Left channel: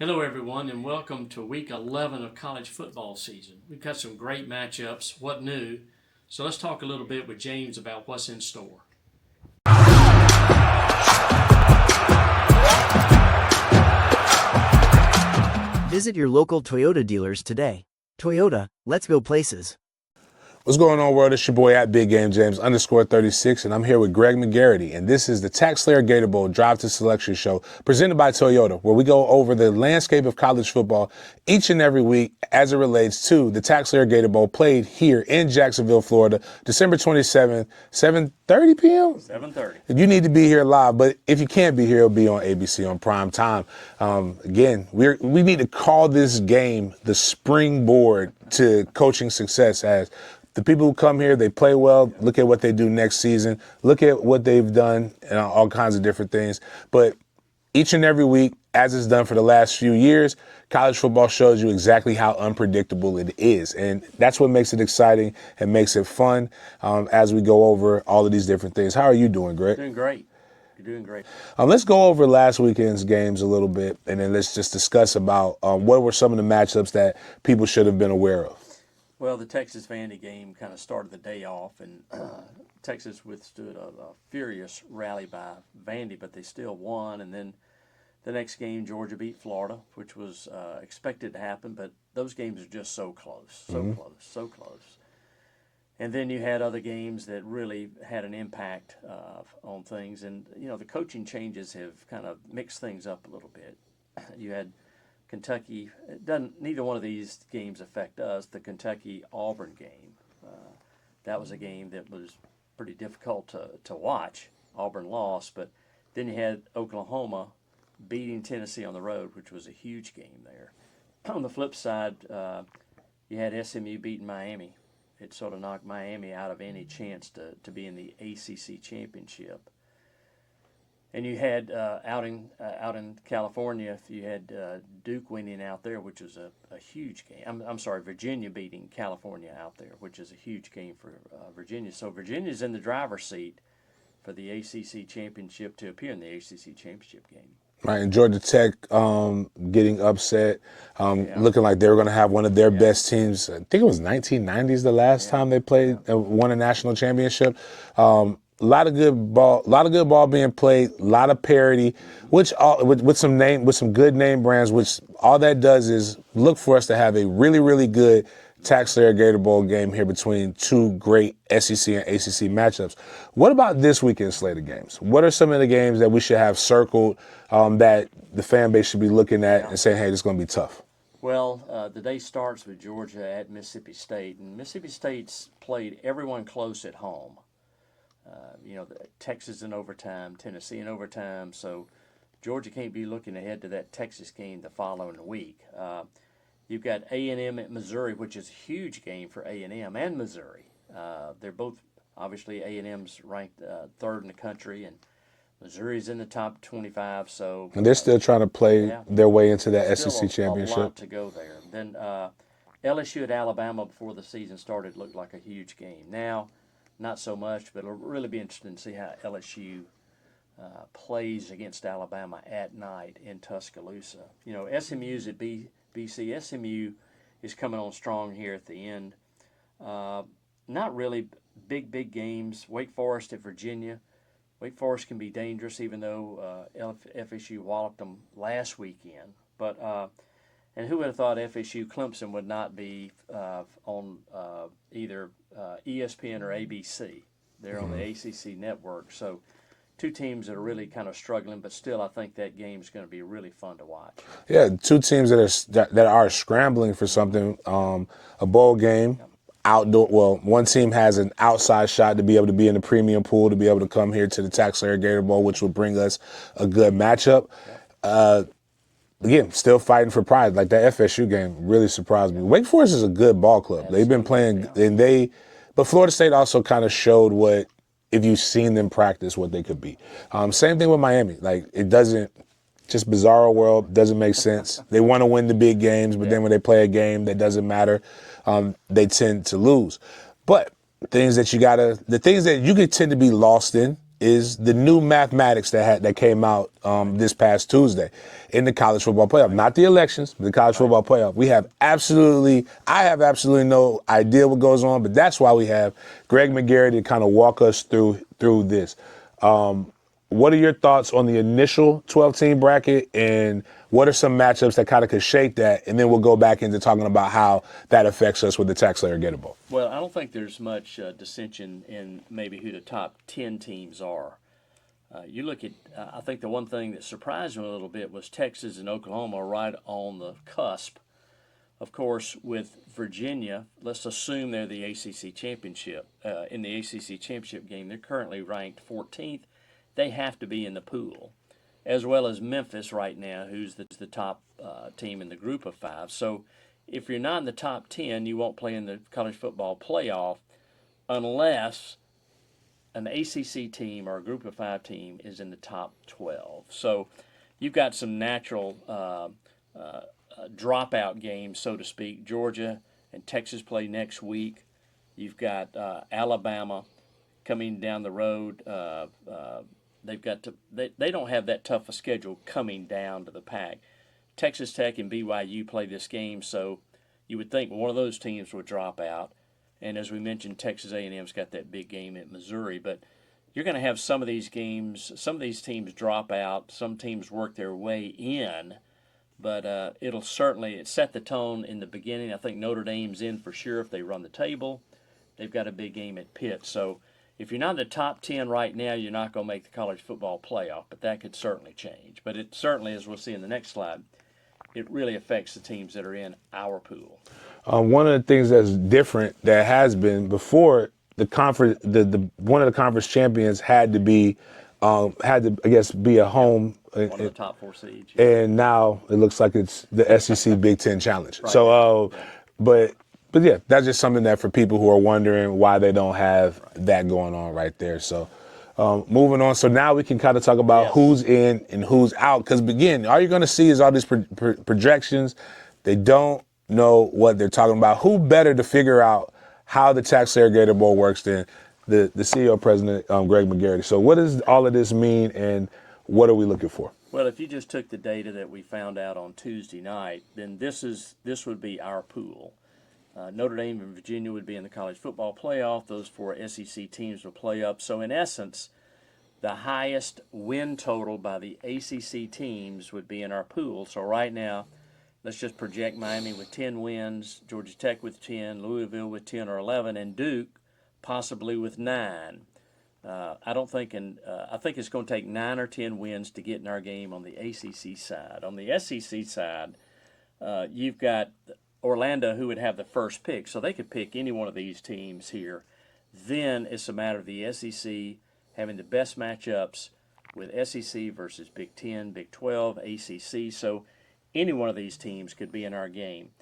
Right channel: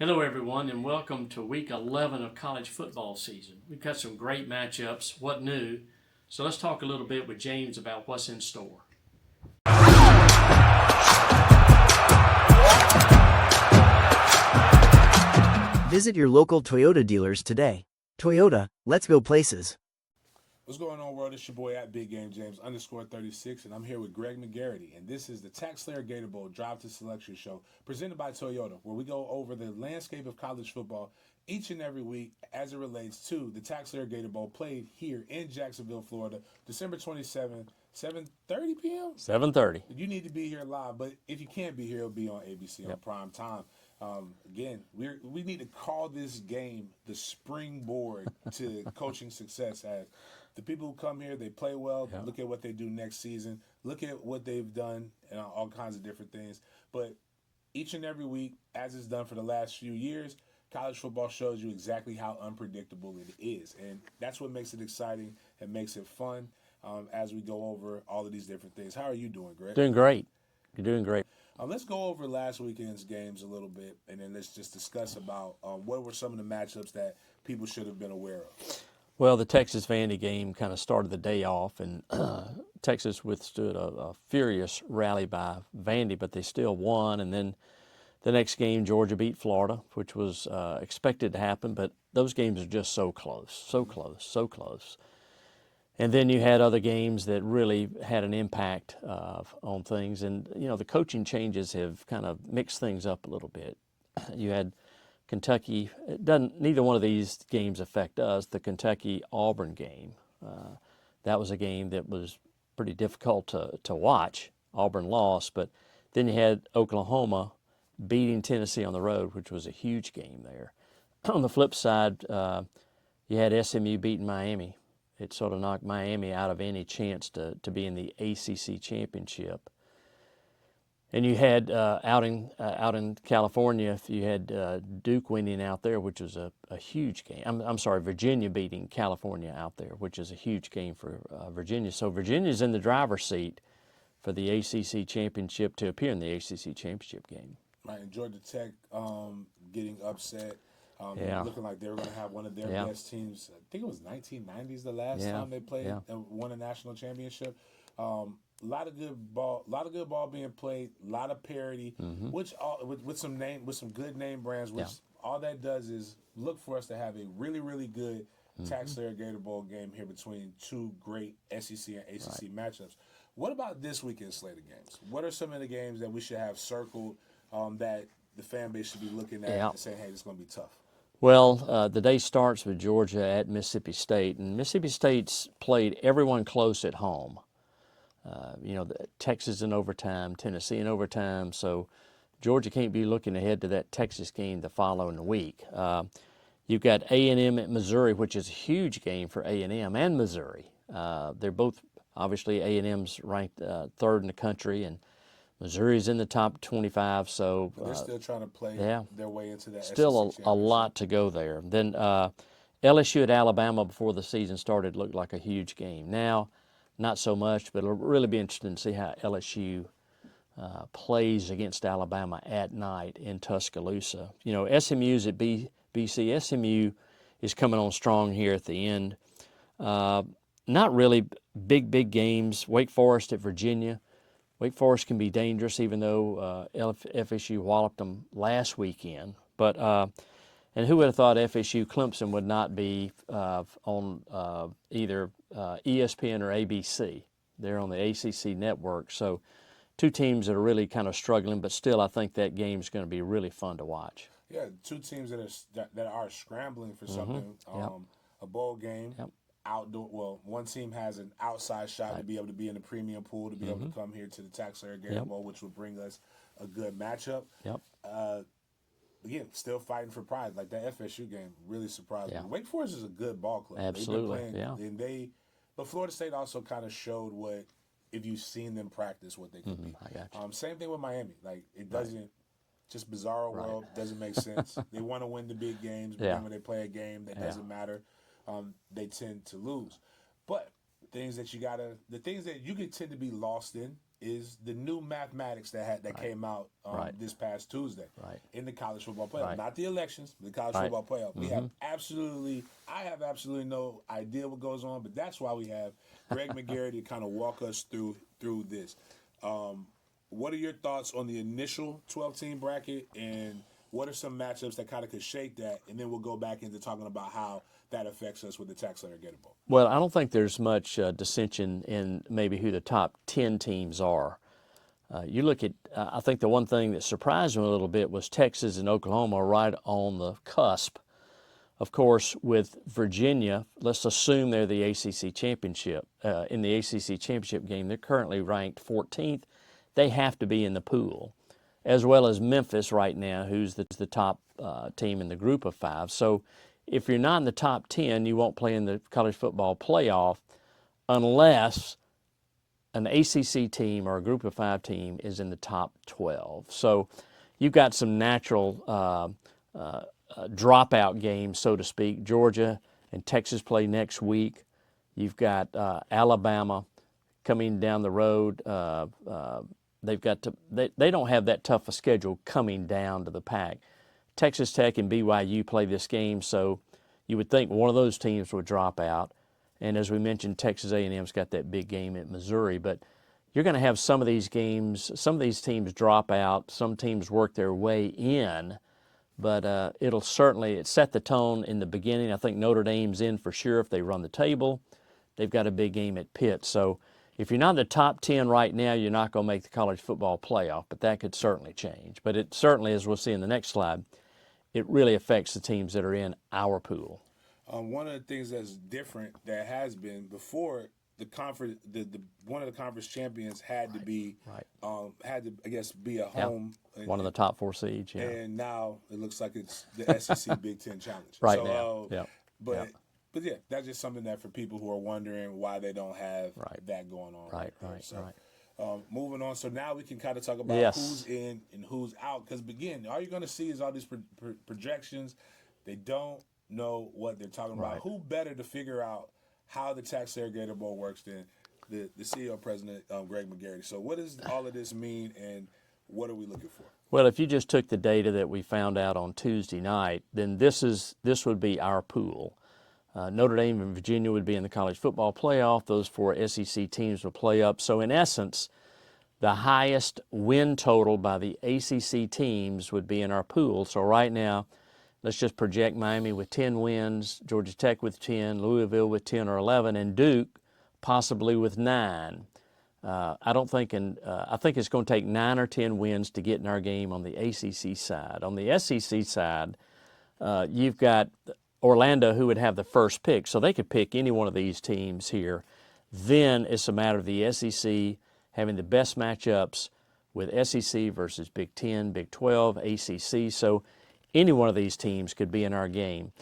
Hello, everyone, and welcome to week 11 of college football season. We've got some great matchups. What new? So let's talk a little bit with James about what's in store. Visit your local Toyota dealers today. Toyota, let's go places. What's going on, world? It's your boy at Big Game James _36, and I'm here with Greg McGarity, and this is the TaxSlayer Gator Bowl Drive to Selection show presented by Toyota, where we go over the landscape of college football each and every week as it relates to the TaxSlayer Gator Bowl played here in Jacksonville, Florida, December 27th, 7:30 p.m. 7:30. You need to be here live, but if you can't be here, it'll be on ABC on prime time. Again, we need to call this game the springboard to coaching success, as the people who come here, they play well. Look at what they do next season. Look at what they've done and all kinds of different things. But each and every week, as it's done for the last few years, college football shows you exactly how unpredictable it is. And that's what makes it exciting and makes it fun as we go over all of these different things. How are you doing, Greg? Doing great. You're doing great. Let's go over last weekend's games a little bit, and then let's just discuss about what were some of the matchups that people should have been aware of. Well, the Texas-Vandy game kind of started the day off, and Texas withstood a furious rally by Vandy, but they still won. And then the next game, Georgia beat Florida, which was expected to happen, but those games are just so close, so close. And then you had other games that really had an impact on things. And, you know, the coaching changes have kind of mixed things up a little bit. You had Kentucky, neither one of these games affect us. The Kentucky-Auburn game, that was a game that was pretty difficult to watch. Auburn lost, but then you had Oklahoma beating Tennessee on the road, which was a huge game there. On the flip side, you had SMU beating Miami. It sort of knocked Miami out of any chance to be in the ACC championship. And you had out in California, you had Duke winning out there, which was a huge game. I'm sorry, Virginia beating California out there, which is a huge game for Virginia. So Virginia's in the driver's seat for the ACC championship, to appear in the ACC championship game. Right, and Georgia Tech getting upset, looking like they were going to have one of their best teams. I think it was 1990s the last time they played, won a national championship. A lot of good ball being played, a lot of parity, which with some good name brands, which all that does is look for us to have a really, really good TaxSlayer Gator Bowl game here between two great SEC and ACC matchups. What about this weekend's slate of games? What are some of the games that we should have circled that the fan base should be looking at and saying, hey, this is going to be tough? Well, the day starts with Georgia at Mississippi State, and Mississippi State's played everyone close at home. Texas in overtime, Tennessee in overtime, so Georgia can't be looking ahead to that Texas game the following week. You've got A&M at Missouri, which is a huge game for A&M and Missouri. They're both, obviously, A&M's ranked third in the country, and Missouri's in the top 25. So and they're still trying to play their way into that SEC championship. A lot to go there. Then LSU at Alabama before the season started looked like a huge game. Now, not so much, but it'll really be interesting to see how LSU plays against Alabama at night in Tuscaloosa. You know, SMU's at BC. SMU is coming on strong here at the end. Not really big games. Wake Forest at Virginia. Wake Forest can be dangerous, even though FSU walloped them last weekend. But and who would have thought FSU Clemson would not be on either ESPN or ABC? They're on the ACC network. So two teams that are really kind of struggling, but still I think that game's going to be really fun to watch. Yeah, two teams that are scrambling for something. A bowl game, outdoor. Well, one team has an outside shot to be able to be in the premium pool, to be able to come here to the TaxSlayer Gator Bowl, which will bring us a good matchup. Again, still fighting for pride. Like that FSU game really surprised me. Wake Forest is a good ball club. Absolutely. They've been playing, but Florida State also kind of showed what, if you've seen them practice, what they could be. Same thing with Miami. Like, it doesn't, just bizarro world, doesn't make sense. They want to win the big games, but then when they play a game that doesn't matter, they tend to lose. But the things that you could tend to be lost in is the new mathematics that came out this past Tuesday in the college football playoff. Not the elections, but the college football playoff. I have absolutely no idea what goes on, but that's why we have Greg McGarity to kind of walk us through this. What are your thoughts on the initial 12-team bracket, and what are some matchups that kind of could shake that? And then we'll go back into talking about how that affects us with the TaxSlayer Gator Bowl. Well, I don't think there's much dissension in maybe who the top 10 teams are. You look at, I think the one thing that surprised me a little bit was Texas and Oklahoma right on the cusp. Of course, with Virginia, let's assume they're the ACC championship. In the ACC championship game, they're currently ranked 14th. They have to be in the pool, as well as Memphis right now, who's the top team in the group of 5. So if you're not in the top 10, you won't play in the college football playoff unless an ACC team or a group of 5 team is in the top 12. So you've got some natural dropout games, so to speak. Georgia and Texas play next week. You've got Alabama coming down the road. They've got to. They don't have that tough a schedule coming down to the pack. Texas Tech and BYU play this game, so you would think one of those teams would drop out. And as we mentioned, Texas A&M's got that big game at Missouri. But you're going to have some of these games, some of these teams drop out, some teams work their way in. But it'll certainly set the tone in the beginning. I think Notre Dame's in for sure if they run the table. They've got a big game at Pitt. So if you're not in the top 10 right now, you're not going to make the college football playoff, but that could certainly change. But it certainly, as we'll see in the next slide, it really affects the teams that are in our pool. One of the things that's different that has been before the conference, one of the conference champions had to be, I guess, be a home. One of the top 4 seeds. Yeah. And now it looks like it's the SEC Big Ten Challenge. Right so, but yeah, that's just something that for people who are wondering why they don't have that going on right there. So moving on. So now we can kind of talk about who's in and who's out. Because, again, all you're going to see is all these projections. They don't know what they're talking about. Who better to figure out how the TaxSlayer Gator Bowl works than the CEO president, Greg McGarity. So what does all of this mean, and what are we looking for? Well, if you just took the data that we found out on Tuesday night, then this would be our pool. Notre Dame and Virginia would be in the college football playoff. Those 4 SEC teams will play up. So in essence, the highest win total by the ACC teams would be in our pool. So right now, let's just project Miami with 10 wins, Georgia Tech with 10, Louisville with 10 or 11, and Duke possibly with 9. I think it's going to take 9 or 10 wins to get in our game on the ACC side. On the SEC side, you've got Orlando, who would have the first pick, so they could pick any one of these teams here. Then it's a matter of the SEC having the best matchups with SEC versus Big 10, Big 12, ACC. So any one of these teams could be in our game.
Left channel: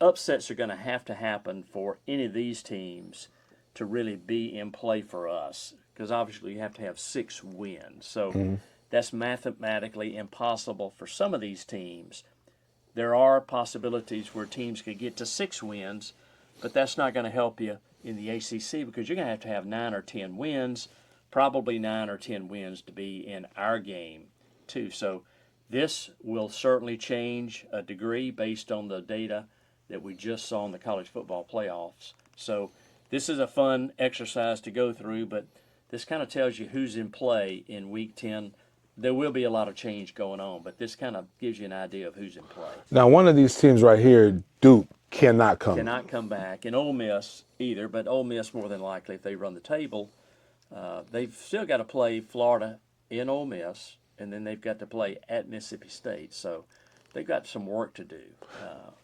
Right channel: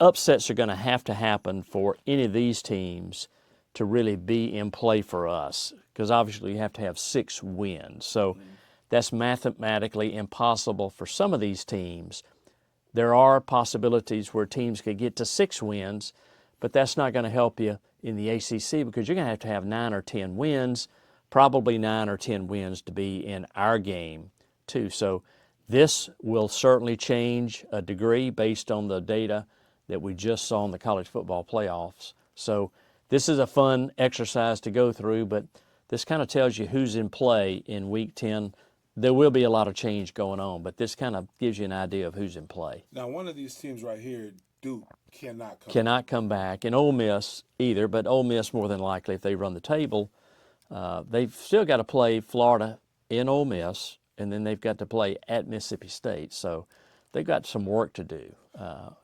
Upsets are going to happen for any of these teams to really be in play for us, because obviously you have to have 6 wins. So that's mathematically impossible for some of these teams. There are possibilities where teams could get to 6 wins, but that's not going to help you in the ACC, because you're going to have 9 or 10 wins, probably 9 or 10 wins to be in our game too. So this will certainly change a degree based on the data that we just saw in the college football playoffs. So this is a fun exercise to go through, but this kind of tells you who's in play in Week 10. There will be a lot of change going on, but this kind of gives you an idea of who's in play. Now, one of these teams right here, Duke, cannot come back, and Ole Miss either, but Ole Miss more than likely if they run the table. They've still got to play Florida in Ole Miss, and then they've got to play at Mississippi State. So they've got some work to do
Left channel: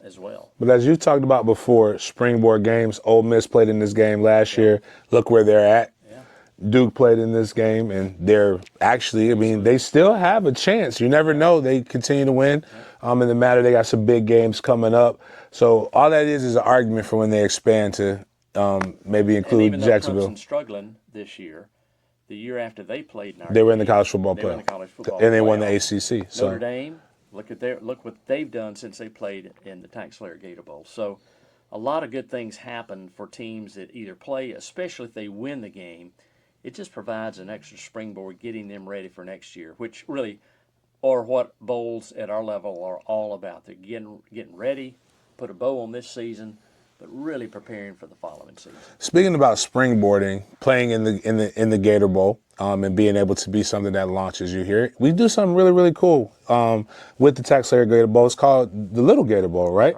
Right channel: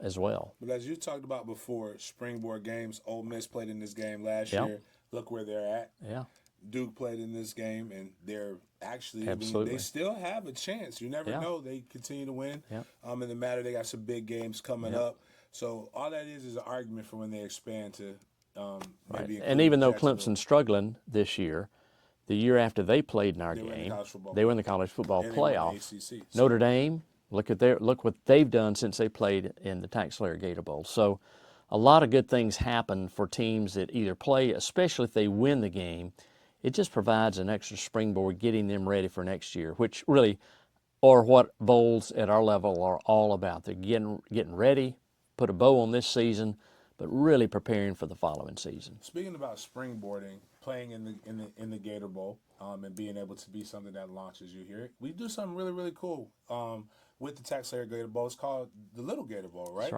as well. But as you talked about before, springboard games, Ole Miss played in this game last year. Look where they're at. Yeah. Duke played in this game, and they're actually, they still have a chance. You never know. They continue to win. In the matter, they got some big games coming up. So all that is an argument for when they expand to maybe include Jacksonville. And even though Clemson's struggling this year, the year after they played in our they were in the college football playoff. They were in the college football and they playoff. won the ACC. So. Notre Dame, look what they've done since they played in the TaxSlayer Gator Bowl. So a lot of good things happen for teams that either play, especially if they win the game, it just provides an extra springboard getting them ready for next year, which really are what bowls at our level are all about. They're getting ready, put a bow on this season, but really preparing for the following season. Speaking about springboarding, playing in the Gator Bowl, and being able to be something that launches you here, we do something really, really cool with the TaxSlayer Gator Bowl. It's called the Little Gator Bowl, right?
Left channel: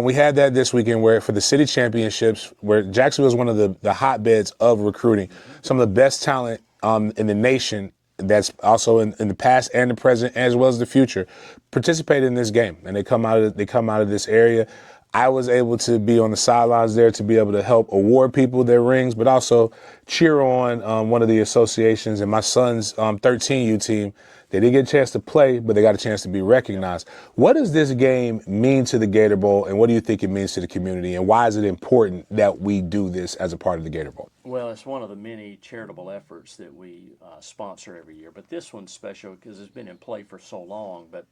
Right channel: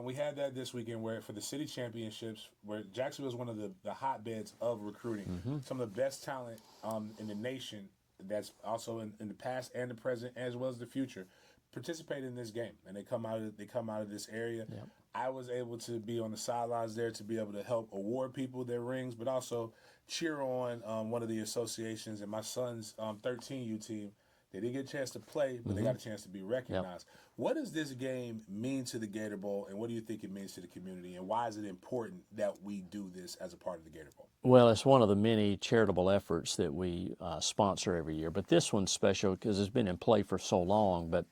We had that this weekend where for the city championships, where Jacksonville is one of the hotbeds of recruiting. Some of the best talent in the nation that's also in the past and the present as well as the future participate in this game, and they come out of this area. I was able to be on the sidelines there to be able to help award people their rings, but also cheer on one of the associations and my son's 13U team. They didn't get a chance to play, but they got a chance to be recognized. What does this game mean to the Gator Bowl, and what do you think it means to the community, and why is it important that we do this as a part of the Gator Bowl? Well, it's one of the many charitable efforts that we sponsor every year, but this one's special because it's been in play for so long. But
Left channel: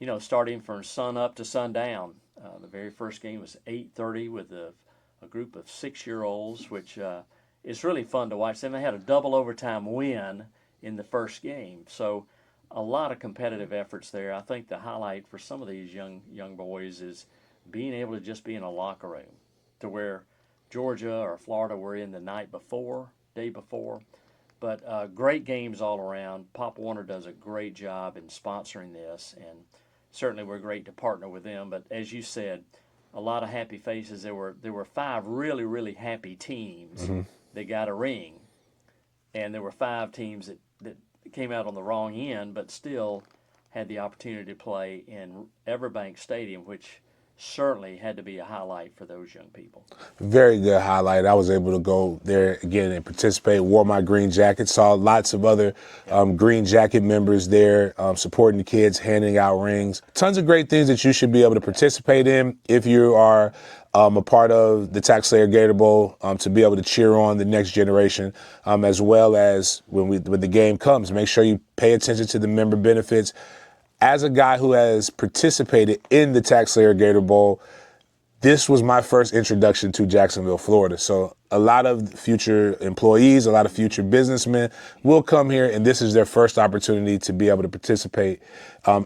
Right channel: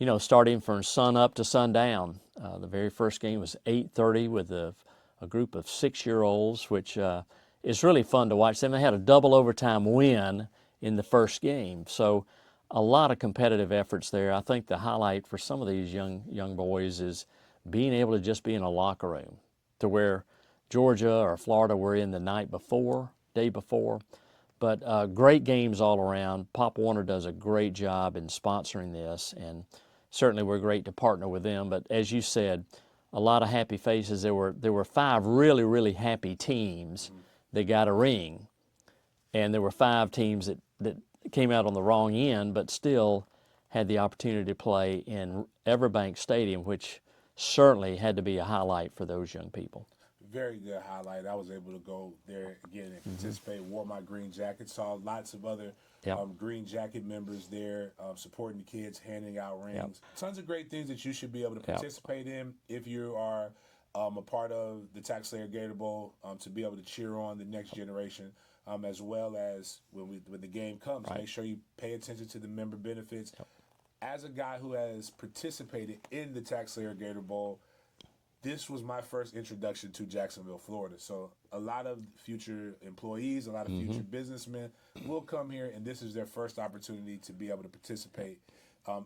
you know, starting from sun up to sundown. The very first game was 8:30 with a group of 6-year-olds, which is really fun to watch them. They had a double overtime win in the first game, so a lot of competitive efforts there. I think the highlight for some of these young boys is being able to just be in a locker room, to where Georgia or Florida were in the day before. But great games all around. Pop Warner does a great job in sponsoring this, and certainly we're great to partner with them. But as you said, a lot of happy faces. There were 5 really, really happy teams that got a ring, and there were 5 teams that came out on the wrong end, but still had the opportunity to play in Everbank Stadium, which certainly had to be a highlight for those young people. Very good highlight. I was able to go there again and participate, wore my green jacket, saw lots of other green jacket members there supporting the kids, handing out rings. Tons of great things that you should be able to participate in if you are a part of the TaxSlayer Gator Bowl, to be able to cheer on the next generation, as well as when the game comes. Make sure you pay attention to the member benefits. As a guy who has participated in the TaxSlayer Gator Bowl, this was my first introduction to Jacksonville, Florida. So a lot of future employees, a lot of future businessmen will come here, and this is their first opportunity to be able to participate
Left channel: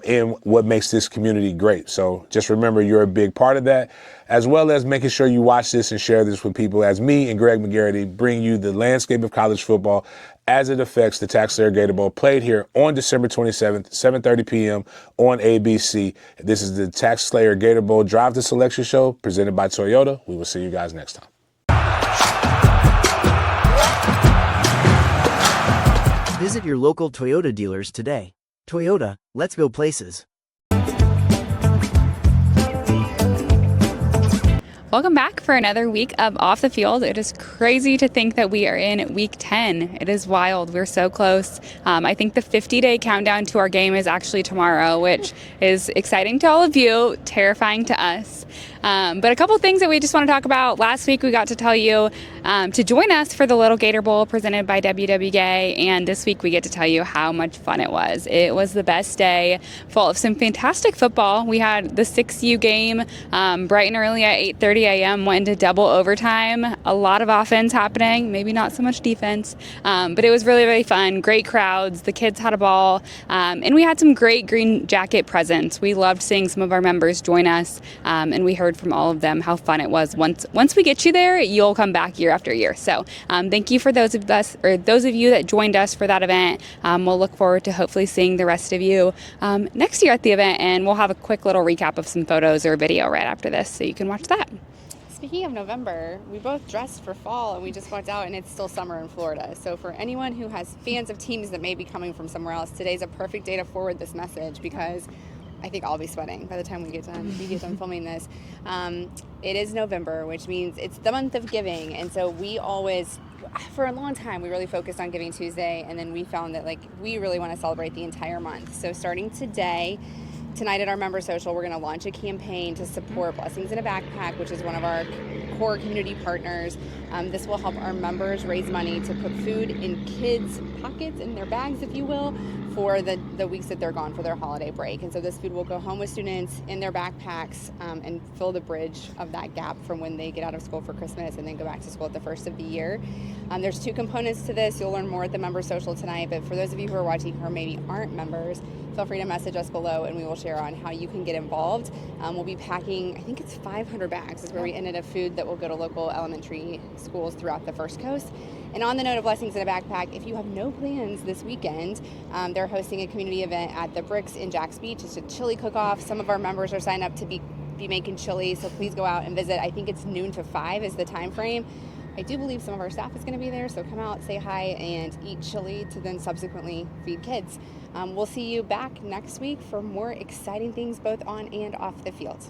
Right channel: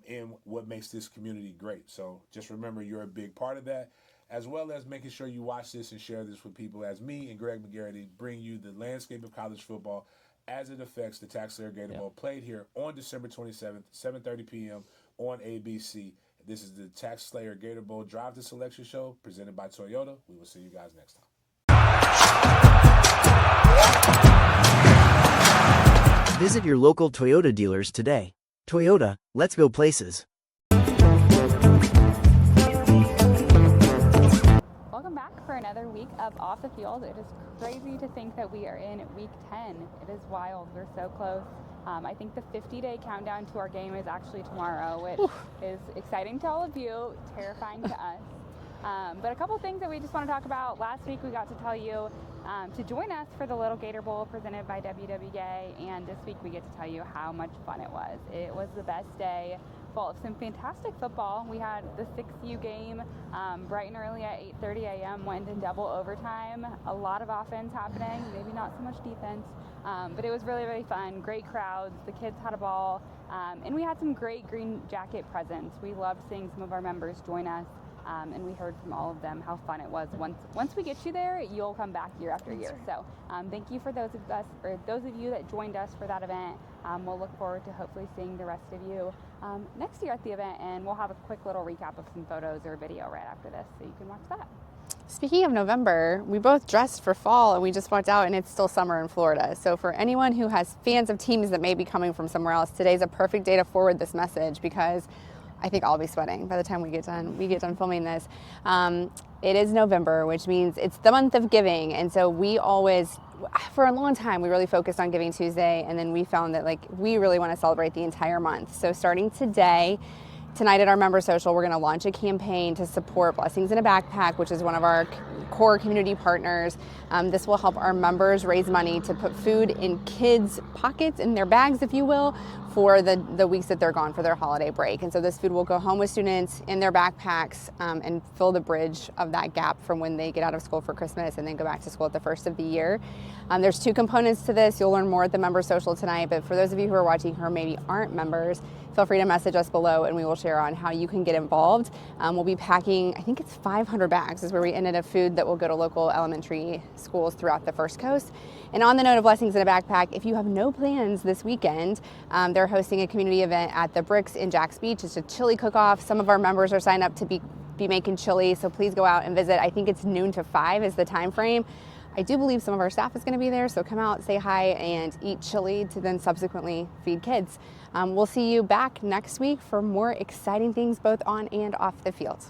in what makes this community great. So just remember, you're a big part of that, as well as making sure you watch this and share this with people as me and Greg McGarity bring you the landscape of college football as it affects the TaxSlayer Gator Bowl, played here on December 27th, 7:30 p.m. on ABC. This is the TaxSlayer Gator Bowl Drive to Selection Show presented by Toyota. We will see you guys next time. Visit your local Toyota dealers today. Toyota, let's go places. Welcome back for another week of Off the Field. It is crazy to think that we are in week 10. It is wild. We're so close. I think the 50-day countdown to our game is actually tomorrow, which is exciting to all of you, terrifying to us. But a couple things that we just want to talk about. Last week we got to tell you to join us for the Little Gator Bowl presented by WWGA, and this week we get to tell you how much fun it was. It was the best day, full of some fantastic football. We had the 6U game bright and early at 8:30 a.m., went into double overtime. A lot of offense happening, maybe not so much defense, but it was really, really fun. Great crowds, the kids had a ball, and we had some great green jacket presents. We loved seeing some of our members join us, and we heard from all of them how fun it was. Once we get you there, you'll come back year after year. So thank you for those of you that joined us for that event. We'll look forward to hopefully seeing the rest of you next year at the event, and we'll have a quick little recap of some photos or video right after this, so you can watch that. Speaking of November, we both dressed for fall and we just walked out and it's still summer in Florida. So for anyone who has fans of teams that may be coming from somewhere else, today's a perfect day to forward this message, because I think I'll be sweating by the time we get done filming this. It is November, which means it's the month of giving, and so we always, for a long time, we really focused on Giving Tuesday, and then we found that we really want to celebrate the entire month. So starting tonight at our member social, we're going to launch a campaign to support Blessings in a Backpack, which is one of our core community partners. This will help our members raise money to put food in kids' pockets, in their bags, if you will, for the weeks that they're gone for their holiday break. And so this food will go home with students in their backpacks and fill the bridge of that gap from when they get out of school for Christmas and then go back to school at the first of the year. There's 2 components to this. You'll learn more at the member social tonight, but for those of you who are watching who maybe aren't members, feel free to message us below and we will share on how you can get involved. We'll be packing, I think it's 500 bags is where we ended of food that will go to local elementary schools throughout the First Coast. And on the note of blessings in a backpack, if you have no plans this weekend, they're hosting a community event at the Bricks in Jacks Beach. It's a chili cook-off. Some of our members are signed up to be making chili, so please go out and visit. I think it's noon to 5 is the time frame. I do believe some of our staff is going to be there, so come out, say hi, and eat chili to then subsequently feed kids. We'll see you back next week for more exciting things both on and off the field.